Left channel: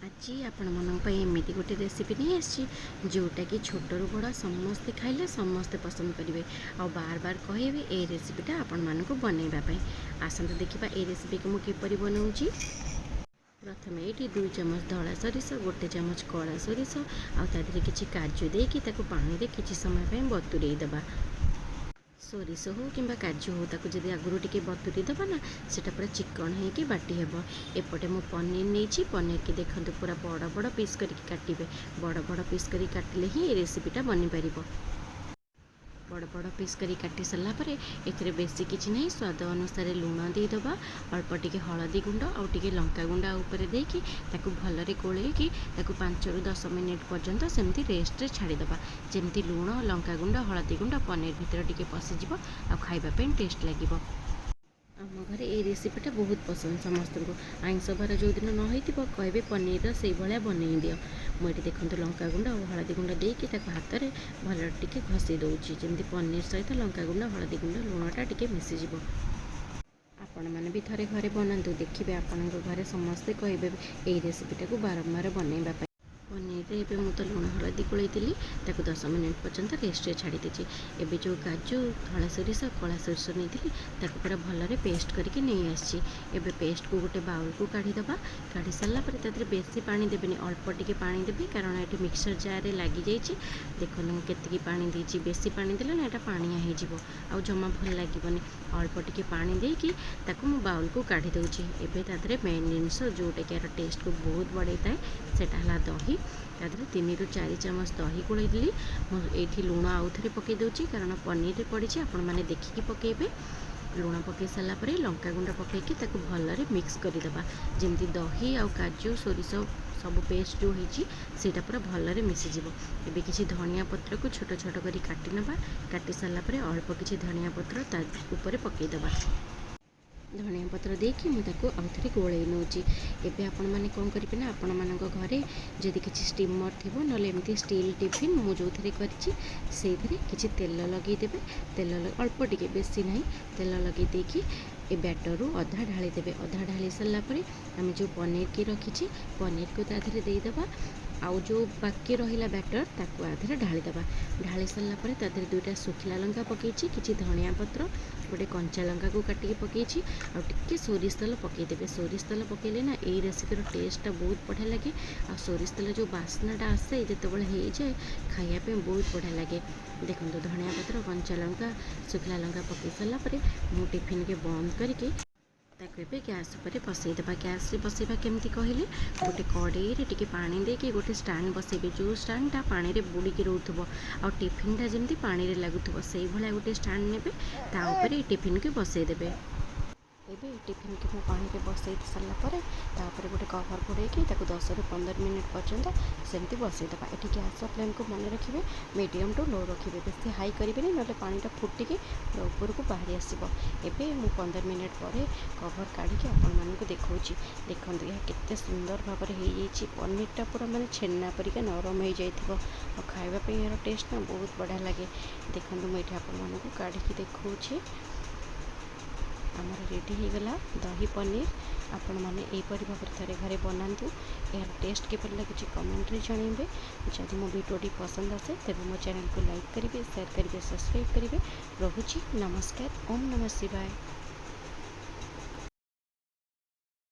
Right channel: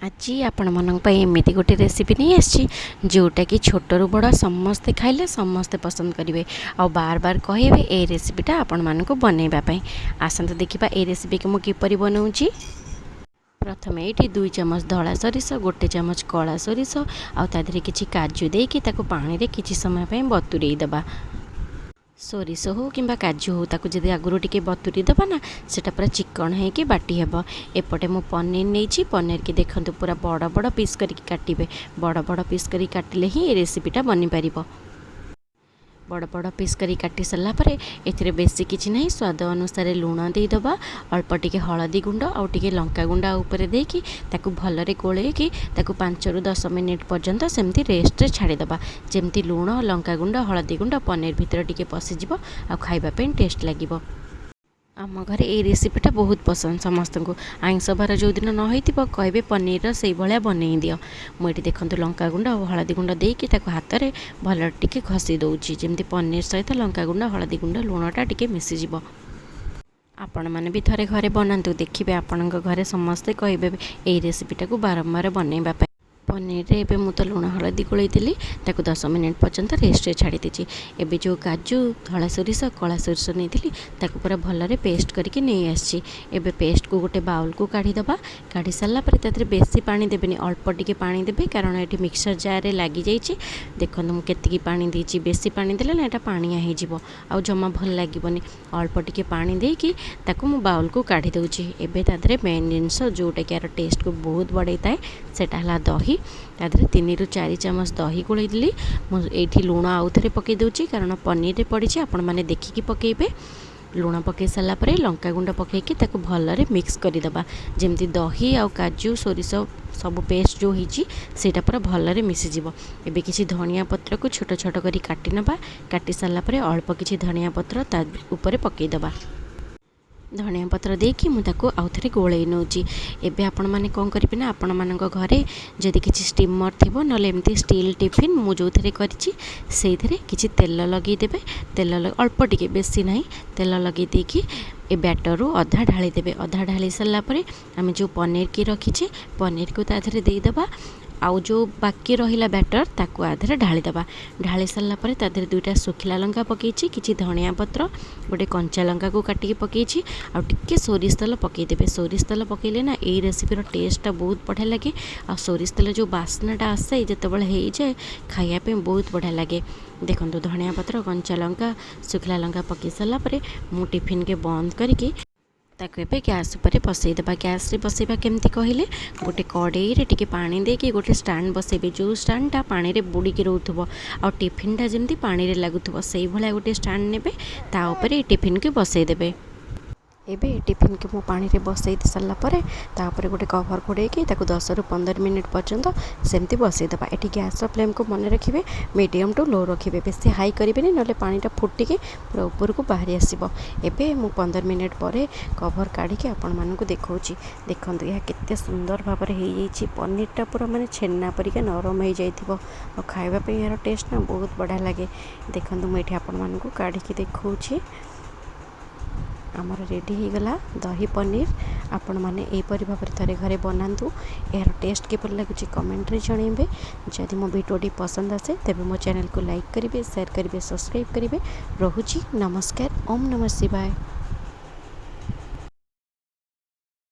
आज आपण मानक एमती गोटे रेसिपी नहीं आसी जोटा कि छोटू बड़ समस्ते खाइले समस्ते पसंद करेंगे आ बार बार कहे ए रेसिपीटा आपण मानक बनवाई। आसत देखा ए रेसिपी को मुझे बनाऊँगी। प्रथम ये 2 चामच धला सोरिष, 1 चामच कला सोरिष आधे किसी काजू देकी पानी रे किसी समय बतुरे दबा। सोरिष हो कि काजू हो ताकू जदि आगुरी टिके बतुरी दबा ना सेटा पूरा चिकन है बाटी हेब। एपटे मु पनीर नहीं, पनीर की देखते पूरा बड़ बड़ पीस करके काटिबे। बड़ बड़ पीस करी काटिले ही रेसिपीटा बनी पारिबो। बड़ बड़ पीस करी काटी सारा पर ए बेसी किसी ना स्वाद अनुसार लुण देदबा, अल्प टिके हलदी गुंड आउ टिके लंका गुंड ऊपर देकी ताकू भलरे गोलैकी 5 ରୁ 10 मिनिट पर्यंत सेमती रेस्ट रे छाड़ीदबा। जेमती लुण लंका गुंड हलदी गुंड पनीर भितर टिके पशिजिवो आ खाइबा पे टेस्ट लागिवो। आम घरे ये रेसिपीटा बहुत पसंद समस्त को। आइंस बार जो दिन न हो कहे पनीर से भाया बनई दियो। मुझे देखते लंका गुंड और हलदी गुंड देकी हाथ में भल टिके घसी दूची जमी पनीर सहित लंका गुंड हलदी गुंड लुणटा टिके मिसीज। आपण मैंने भी थे घरे बनातु देखिए आपण घरे समस्ते कहे ये रेसिपीटा को बारंबार बनवाई। पनीर रे एबे मु तो लुण हलदी गोलैली 10 मिनिट पर्यंत रेस्ट छाड़ी दीची। एबे जो काजू धला सोरिष कला सोरिष नहीं ताकू पूरा भलरे पेस्ट करके नहीं आसी। एबे पेस्ट को गोटे बाउल को काढ़ीदबा। काढ़ी सारा पर तादरे बेसी पानी देबेनी, अल्प टिके पानी देबे कारण ये मिक्सर जार रे लगी जाइए। देखो मुझे केतिकी पानी देची, बेसी पानी देले ना एटा पानिया हो जिवो आ जमा भल लागोनी। अल्प टिके पानी देकी ताकू मु बाउल को काढ़ी दउची। एबे तादरे मेन जिनस जोटा कि यार टेस्ट को बहुत बढ़ाई थाए सेटा हला दही। तादरे 3 ରୁ 4 चामच दही गोलैली। मुझे लुण आउ थे पकई दूची कारण पनीर पड़ी आपण मैंने देखिकी पकेबे। लुण पकई सारा पर लंका गुंड पकईकी ताकू भलरे मिक्स करदबा जमी दही आ काजू सोरिष सब पेस्ट जो होती सेटा पूरा भलरे मिसीज। एबे किसी धनिया पत्र को छोट छोट करी काटी नबा। काटी सारा पर अल्प किसी धनिया पत्र ता ऊपर पकईदबा। धनिया पत्र देकी मुझे आउ थे गोलै नौची। एबे आपण मैंने कौन करेंगे ना आपण मान घरे जदि किसी स्टीमर थी ना एमती स्टील टिफिन मु जो थे कर किसी तेल लगेदेवे। तेल अल्प टिके बेसी ना तेल लगे देकी ए बैटर रू अधा ढाली देवे। अधा ढाली सारा पर आम जो पनीर की रखीचे पनीर को ताधरे देदेबा। आउ जो बाकी रहिला बैटर ताकू आधे ढालीदबा। ढाली सारा पर ताधरे 2टा सुखिला लंका पकईची, किसी धनिया पत्र गोटे कंचा लंका को काटिकी पकईची आ टिके सोरिष तेल पकईदेवे। सोरिष तेल पकईले ना ये रेसिपीर टेस्टा बहुत बढ़िया लगे। आ सोरिष तेल जो बास्नाटा आसे जिते बड़े हो जाए खाइापे बहुत बढ़िया लगे। देखो धनिया पत्र कंचा लंका सुखिला लंका पकई सारा पर मु टिफिन के बंद करके ताको एबे गैस उपर बसईदेबा। गैस रे बसईबा केमती कहले गोटे कड़ई रे टिके पानी देके गोटे स्टैंड बसईबे। जो स्टैंडटा पानी रे बुड़ीकी रोथुबो आ टिफिनटा जमती पानी रे लागुथुबो सेई भलिया गोटे स्टैंड नेबे ता ऊपर टिफिन के बसईदेबे। एबे टिफिन के मु पानी रे बसई सारा पर तापर गोटे कवर घोड़ेकी 10 ରୁ 15 मिनिट पर्यंत सेमती बसईदेबा। एटी गैस फ्लेम को मन रखिए मीडियम टू लो रखिए, बेसी हाई करेंगे ना पानीटा फुटिकी पूरा ऊपर को बाहरी आसो। एबे मु 15 मिनिट पर कवर काढ़ी आपण मानक देखा देखो यह केते सुंदर भाव में हो पनीरटा पूरा माने छेना परिका नरम हो जाइथिबो और खाइबा यार टेस्ट ना बहुत बढ़िया लगे। देखो मुझे आपण मानक काढ़ी देखा आमर रेडी हो गला दही पनीर। आपण मैंने यहीपरि भाव थे घरे बनातु। यार टेस्ट किपर लगुच कमेंट रे जनइबे। जदि मो वीडियोटी पसंद आसे तेब मो चैनल को लाइक करेंगे, शेयर करेंगे, सब्सक्राइब करेंगे। रोहुची नमस्कार। ओम नमः शिवाय।